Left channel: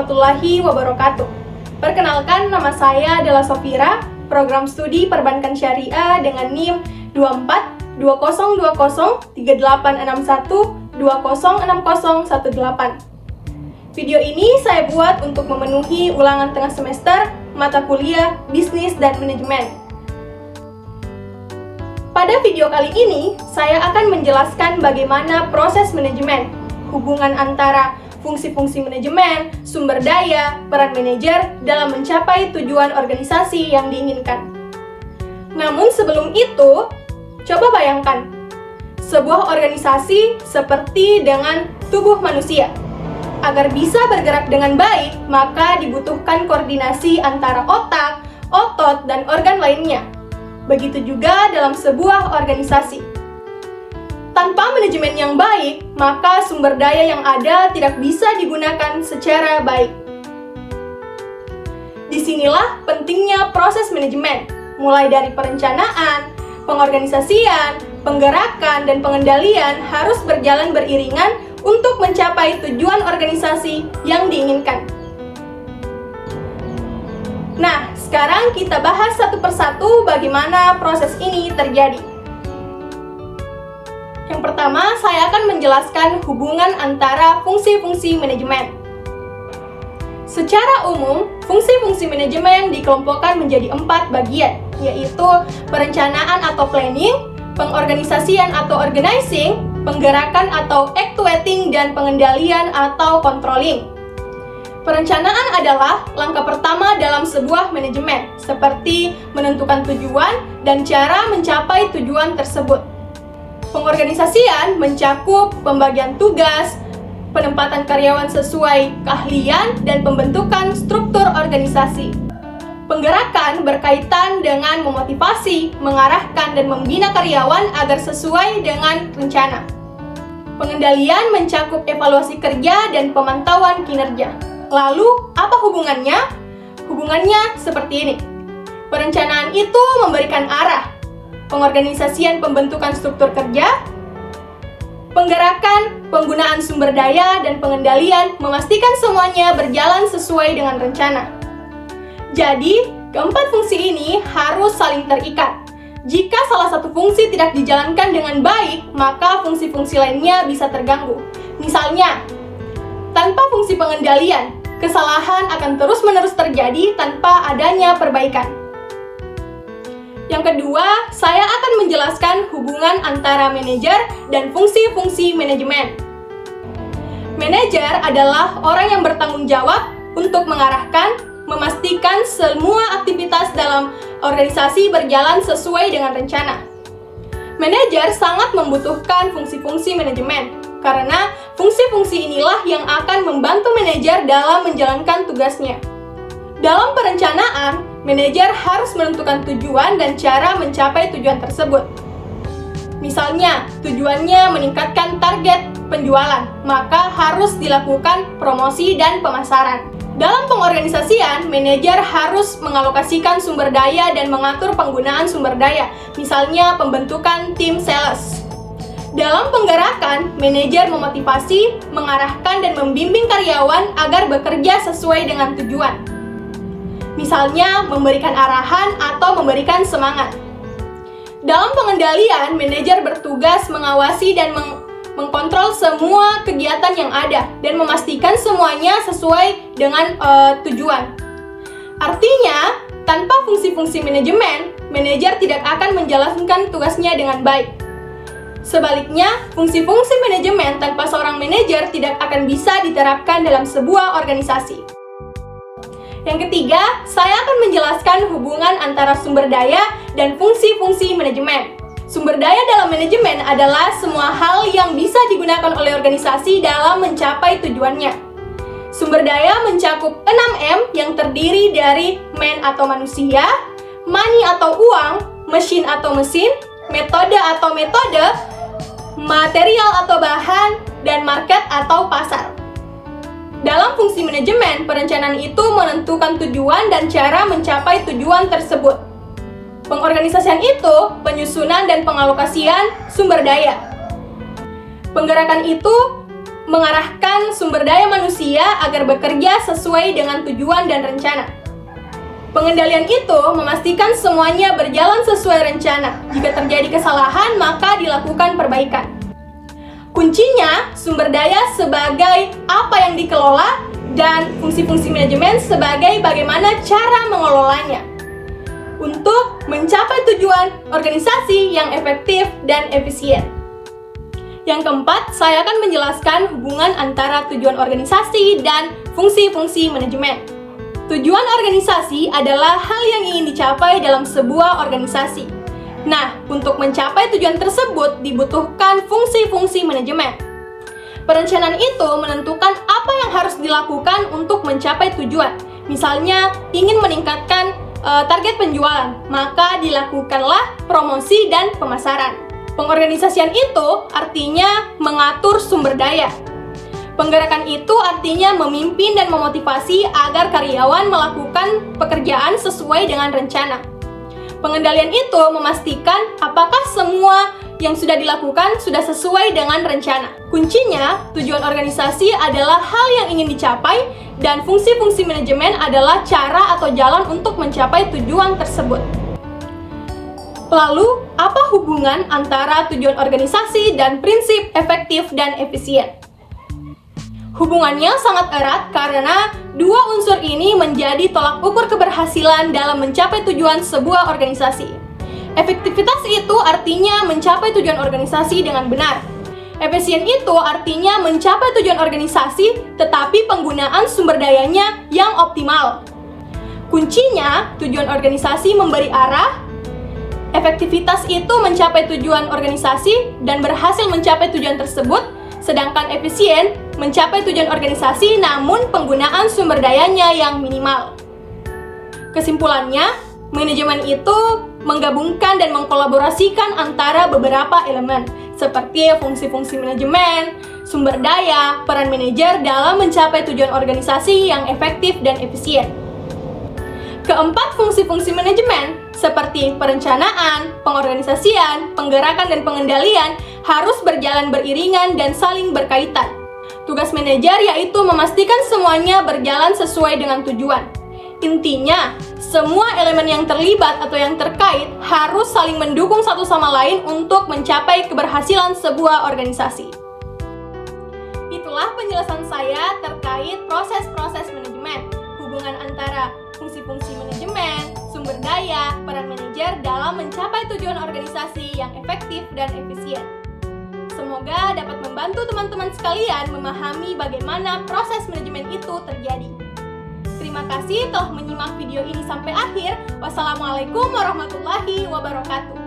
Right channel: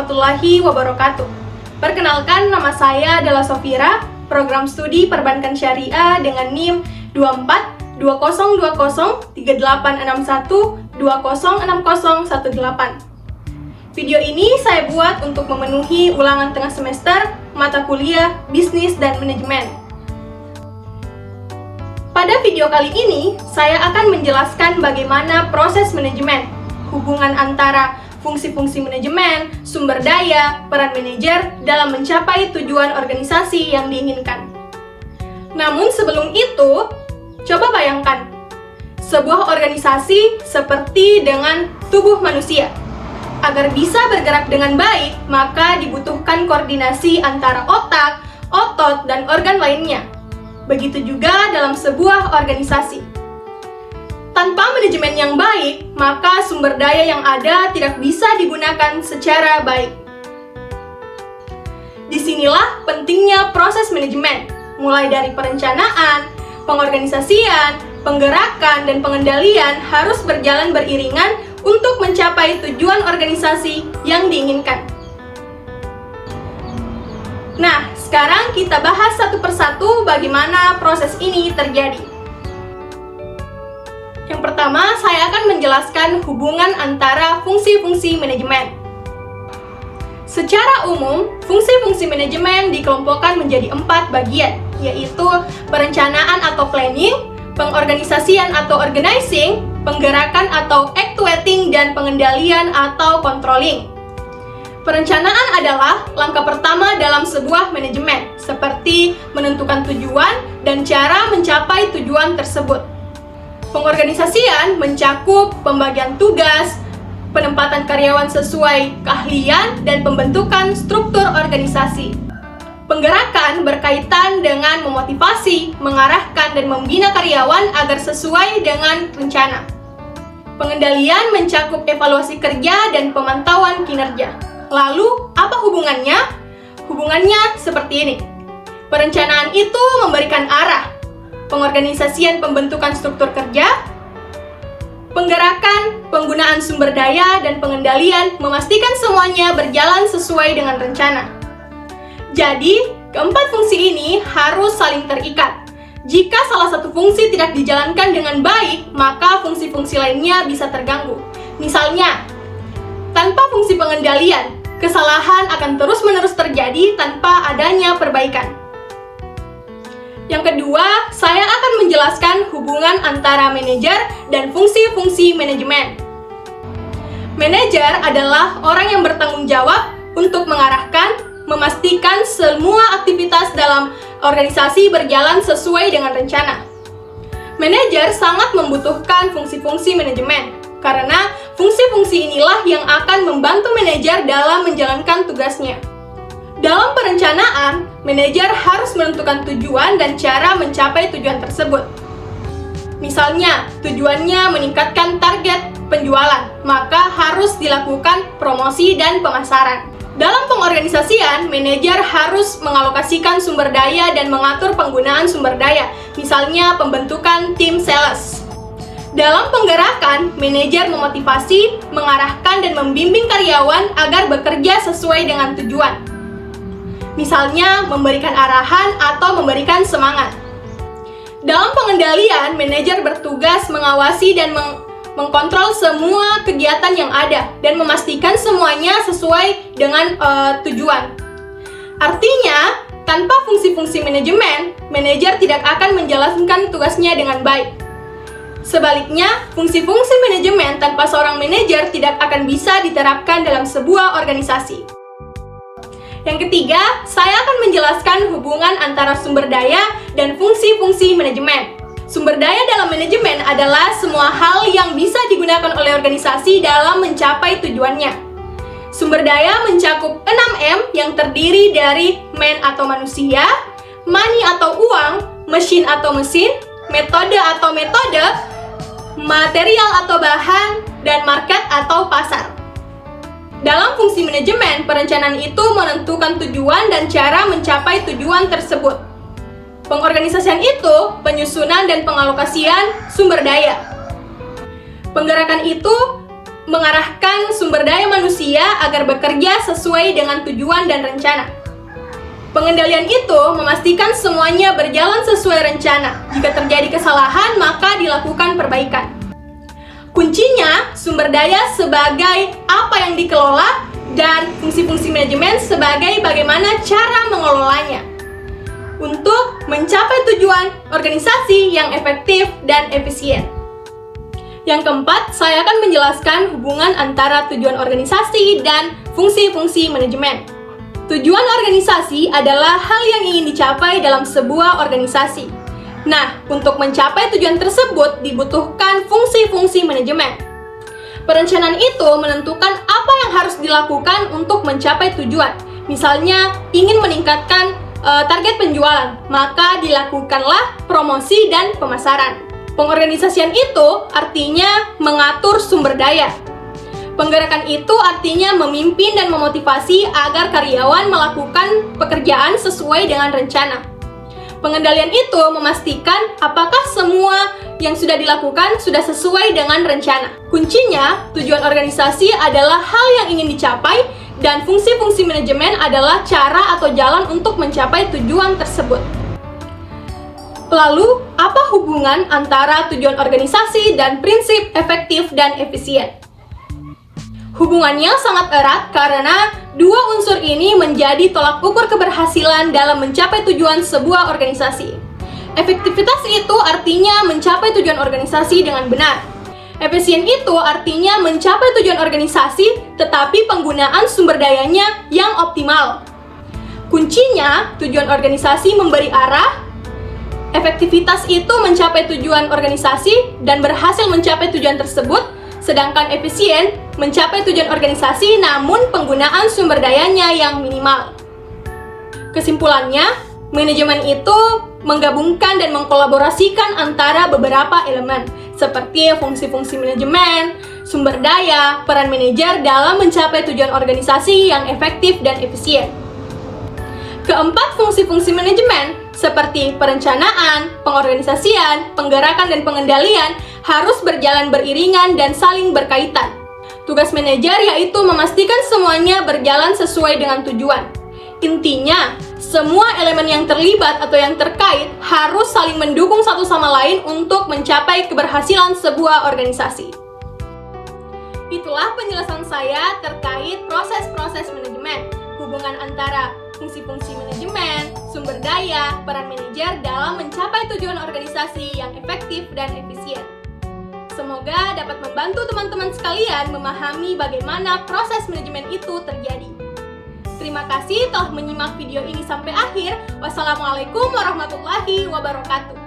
warahmatullahi wabarakatuh. Perkenalkan, nama saya adalah Sofira, program studi Perbankan Syariah dengan NIM 2420203861206018. Video ini saya buat untuk memenuhi ulangan tengah semester mata kuliah Bisnis dan Manajemen. Pada video kali ini, saya akan menjelaskan bagaimana proses manajemen, hubungan antara fungsi-fungsi manajemen, sumber daya, peran manajer dalam mencapai tujuan organisasi yang diinginkan. Namun sebelum itu, coba bayangkan, sebuah organisasi seperti dengan tubuh manusia. Agar bisa bergerak dengan baik, maka dibutuhkan koordinasi antara otak, otot, dan organ lainnya. Begitu juga dalam sebuah organisasi. Tanpa manajemen yang baik, maka sumber daya yang ada tidak bisa digunakan secara baik. Disinilah pentingnya proses manajemen, mulai dari perencanaan, pengorganisasian, penggerakan, dan pengendalian harus berjalan beriringan untuk mencapai tujuan organisasi yang diinginkan. Nah, sekarang kita bahas satu persatu bagaimana proses ini terjadi. Yang pertama, saya akan menjelaskan hubungan antara fungsi-fungsi manajemen. Secara umum, fungsi-fungsi manajemen dikelompokkan menjadi 4 bagian, yaitu perencanaan atau planning, pengorganisasian atau organizing, penggerakan atau actuating, dan pengendalian atau controlling. Perencanaan adalah langkah pertama dalam sebuah manajemen, seperti menentukan tujuan dan cara mencapai tujuan tersebut. Pengorganisasian mencakup pembagian tugas, penempatan karyawan sesuai keahlian, dan pembentukan struktur organisasi. Penggerakan berkaitan dengan memotivasi, mengarahkan, dan membina karyawan agar sesuai dengan rencana. Pengendalian mencakup evaluasi kerja dan pemantauan kinerja. Lalu, apa hubungannya? Hubungannya seperti ini. Perencanaan itu memberikan arah. Pengorganisasian pembentukan struktur kerja, penggerakan, penggunaan sumber daya, dan pengendalian memastikan semuanya berjalan sesuai dengan rencana. Jadi, keempat fungsi ini harus saling terikat. Jika salah satu fungsi tidak dijalankan dengan baik, maka fungsi-fungsi lainnya bisa terganggu. Misalnya, tanpa fungsi pengendalian, kesalahan akan terus-menerus terjadi tanpa adanya perbaikan. Yang kedua, saya akan menjelaskan hubungan antara manajer dan fungsi-fungsi manajemen. Manajer adalah orang yang bertanggung jawab untuk mengarahkan, memastikan semua aktivitas dalam organisasi berjalan sesuai dengan rencana. Manajer sangat membutuhkan fungsi-fungsi manajemen, karena fungsi-fungsi inilah yang akan membantu manajer dalam menjalankan tugasnya. Dalam perencanaan, manajer harus menentukan tujuan dan cara mencapai tujuan tersebut. Misalnya, tujuannya meningkatkan target penjualan, maka harus dilakukan promosi dan pemasaran. Dalam pengorganisasian, manajer harus mengalokasikan sumber daya dan mengatur penggunaan sumber daya, misalnya pembentukan tim sales. Dalam penggerakan, manajer memotivasi, mengarahkan, dan membimbing karyawan agar bekerja sesuai dengan tujuan. Misalnya, memberikan arahan atau memberikan semangat. Dalam pengendalian, manajer bertugas mengawasi dan mengkontrol semua kegiatan yang ada dan memastikan semuanya sesuai dengan tujuan. Artinya, tanpa fungsi-fungsi manajemen, manajer tidak akan menjalankan tugasnya dengan baik. Sebaliknya, fungsi-fungsi manajemen tanpa seorang manajer tidak akan bisa diterapkan dalam sebuah organisasi. Yang ketiga, saya akan menjelaskan hubungan antara sumber daya dan fungsi-fungsi manajemen. Sumber daya dalam manajemen adalah semua hal yang bisa digunakan oleh organisasi dalam mencapai tujuannya. Sumber daya mencakup 6M yang terdiri dari man atau manusia, money atau uang, machine atau mesin, metode atau metode, material atau bahan, dan market atau pasar. Dalam fungsi manajemen, perencanaan itu menentukan tujuan dan cara mencapai tujuan tersebut. Pengorganisasian itu penyusunan dan pengalokasian sumber daya. Penggerakan itu mengarahkan sumber daya manusia agar bekerja sesuai dengan tujuan dan rencana. Pengendalian itu memastikan semuanya berjalan sesuai rencana. Jika terjadi kesalahan, maka dilakukan perbaikan. Kuncinya, sumber daya sebagai apa yang dikelola dan fungsi-fungsi manajemen sebagai bagaimana cara mengelolanya untuk mencapai tujuan organisasi yang efektif dan efisien. Yang keempat, saya akan menjelaskan hubungan antara tujuan organisasi dan fungsi-fungsi manajemen. Tujuan organisasi adalah hal yang ingin dicapai dalam sebuah organisasi. Nah, untuk mencapai tujuan tersebut dibutuhkan fungsi-fungsi manajemen. Perencanaan itu menentukan apa yang harus dilakukan untuk mencapai tujuan. Misalnya, ingin meningkatkan target penjualan, maka dilakukanlah promosi dan pemasaran. Pengorganisasian itu artinya mengatur sumber daya. Penggerakan itu artinya memimpin dan memotivasi agar karyawan melakukan pekerjaan sesuai dengan rencana. Pengendalian itu memastikan apakah semua yang sudah dilakukan sudah sesuai dengan rencana. Kuncinya, tujuan organisasi adalah hal yang ingin dicapai dan fungsi-fungsi manajemen adalah cara atau jalan untuk mencapai tujuan tersebut. Lalu, apa hubungan antara tujuan organisasi dan prinsip efektif dan efisien? Hubungannya sangat erat karena dua unsur ini menjadi tolak ukur keberhasilan dalam mencapai tujuan sebuah organisasi. Efektivitas itu artinya mencapai tujuan organisasi dengan benar. Efisien itu artinya mencapai tujuan organisasi tetapi penggunaan sumber dayanya yang optimal. Kuncinya, tujuan organisasi memberi arah, efektivitas itu mencapai tujuan organisasi dan berhasil mencapai tujuan tersebut, sedangkan efisien mencapai tujuan organisasi namun penggunaan sumber dayanya yang minimal. Kesimpulannya, manajemen itu menggabungkan dan mengkolaborasikan antara beberapa elemen seperti fungsi-fungsi manajemen, sumber daya, peran manajer dalam mencapai tujuan organisasi yang efektif dan efisien. Keempat fungsi-fungsi manajemen seperti perencanaan, pengorganisasian, penggerakan dan pengendalian harus berjalan beriringan dan saling berkaitan. Tugas manajer yaitu memastikan semuanya berjalan sesuai dengan tujuan. Intinya, semua elemen yang terlibat atau yang terkait harus saling mendukung satu sama lain untuk mencapai keberhasilan sebuah organisasi. Itulah penjelasan saya terkait proses-proses manajemen, hubungan antara fungsi-fungsi manajemen, sumber daya, peran manajer dalam mencapai tujuan organisasi yang efektif dan efisien. Semoga dapat membantu teman-teman sekalian memahami bagaimana proses manajemen itu terjadi. Terima kasih telah menyimak video ini sampai akhir. Wassalamualaikum warahmatullahi wabarakatuh.